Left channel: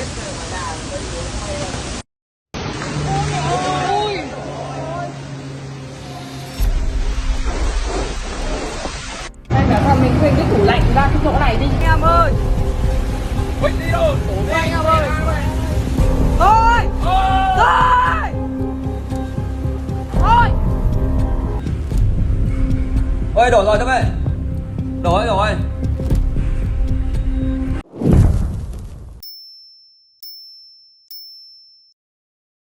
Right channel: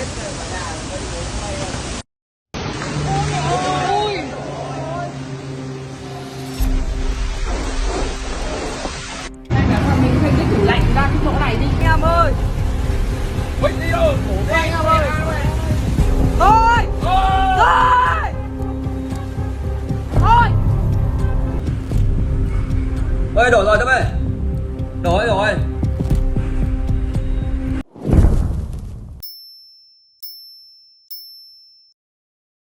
Mình thuê cái tủ lạnh ra cái chỗ này đi em ơi. Ơi đổ rồi Tâm ơi. Đổ rồi.